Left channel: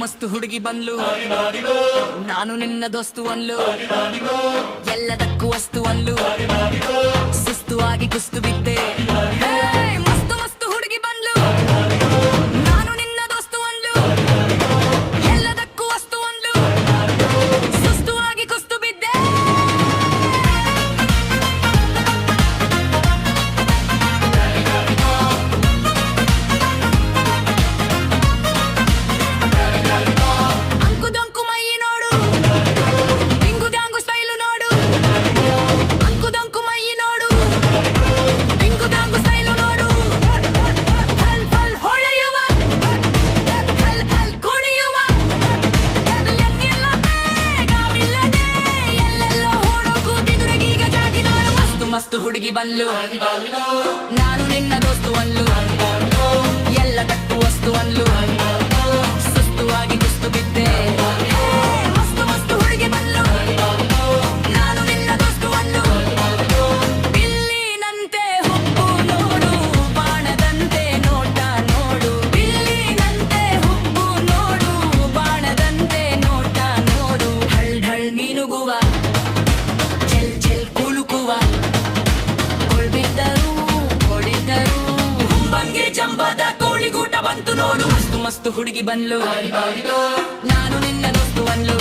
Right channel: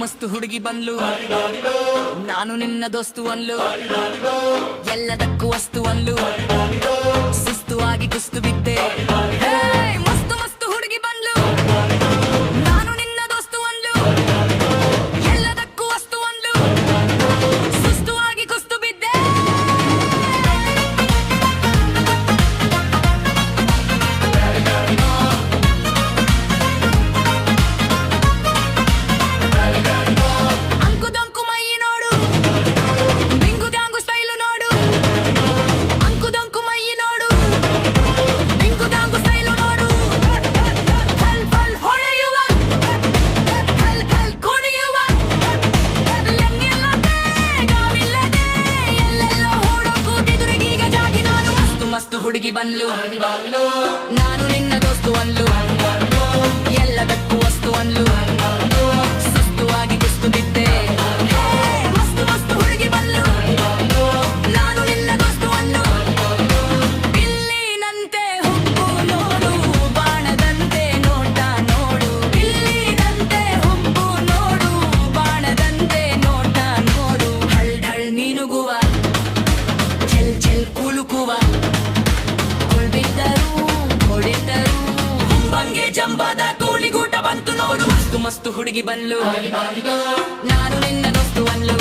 ಮಸ್ತು ಹುಡುಗಿ ಬಂದ್ಲು, ನಾನು ನಿನ್ನ ದೋಸ್ತು ಅನ್ಲು, ಎಲ್ಲದಕ್ಕೂ ವಸ್ತು ಅನ್ಲು, ಸುಸ್ತು ಆಗಿ ಕುಸ್ತು ಬಿದ್ದೆ. ಹೇ, ಮಸ್ತು ಮಸ್ತು ಹುಡುಗಿ ಬಂದ್ಲು, ನಾನು ನಿನ್ನ ದೋಸ್ತು ಅನ್ಲು, ಎಲ್ಲದಕ್ಕೂ ವಸ್ತು ಅನ್ಲು, ಸುಸ್ತು ಆಗಿ ಕುಸ್ತು ಬಿದ್ದೆ. ಅಂಕುದೊಂಕು ಮೈ ನೋಡು, ಡಿಂಗು ಡ್ಯಾಂಗು ಸ್ಟೈಲು ನೋಡು, ಅಂಕುದೊಂಕು ಮೈ ನೋಡು, ಡಿಂಗು ಡ್ಯಾಂಗು ಸ್ಟೈಲು ನೋಡು, ಹಲ್ ಹಲ್ ಹೊಳೆಯುವ, ಹಲ್ ಹಲ್ ಕುಣಿಯುವ, ಎನ್ನಿಲ್ಲದೆ ಗಾಮಿಲ್ಲದೆ ಎಲ್ಲೆಲ್ಲೋ ಓಡೋ ಕೂತಿದುರೆಗೀಗ ಜಾಗಿ ನಾನು. ಮಸ್ತು ಮಸ್ತು ಹುಡುಗಿ ಬಂದ್ಲು, ನಾನು ನಿನ್ನ ದೋಸ್ತು ಅನ್ಲು, ಎಲ್ಲದಕ್ಕೂ ವಸ್ತು ಅನ್ಲು, ಸುಸ್ತು ಆಗಿ ಕುಸ್ತು ಬಿದ್ದೆ. ಹೇ, ಮಸ್ತು ಮಸ್ತು ಹುಡುಗಿ ಬಂದ್ಲು, ನಾನು ನಿನ್ನ ದೋಸ್ತು ಅನ್ಲು, ಬಿಲ್ಲಿನಂತೆ ಹುಬ್ಬು ನೋಡು, ಬಾಣದಂತೆ ನೋಟ ನೋಡು, ಬಿಲ್ಲಿನಂತೆ ಹುಬ್ಬು ನೋಡು, ಬಾಣದಂತೆ ನೋಟ ನೋಡು, ಹಳ್ ಢಳ್ ಮೀನುಗುವ, ಚೆಲ್ ಚೆಲ್ ಕುಲುಕುವ, ಕೊಳ್ಬಿದ್ದರು ಹೊಡಿದ್ದರು ಹುಂಬಂಗೆ ಜಂಬದ ಕೋಳಿಗೂಟ ಬಂತು ನೋಡು. ಮಸ್ತು ಮಸ್ತು ಹುಡುಗಿ ಬಂದ್ಲು, ನಾನು ನಿನ್ನ ದೋಸ್ತು ಅನ್ಲು,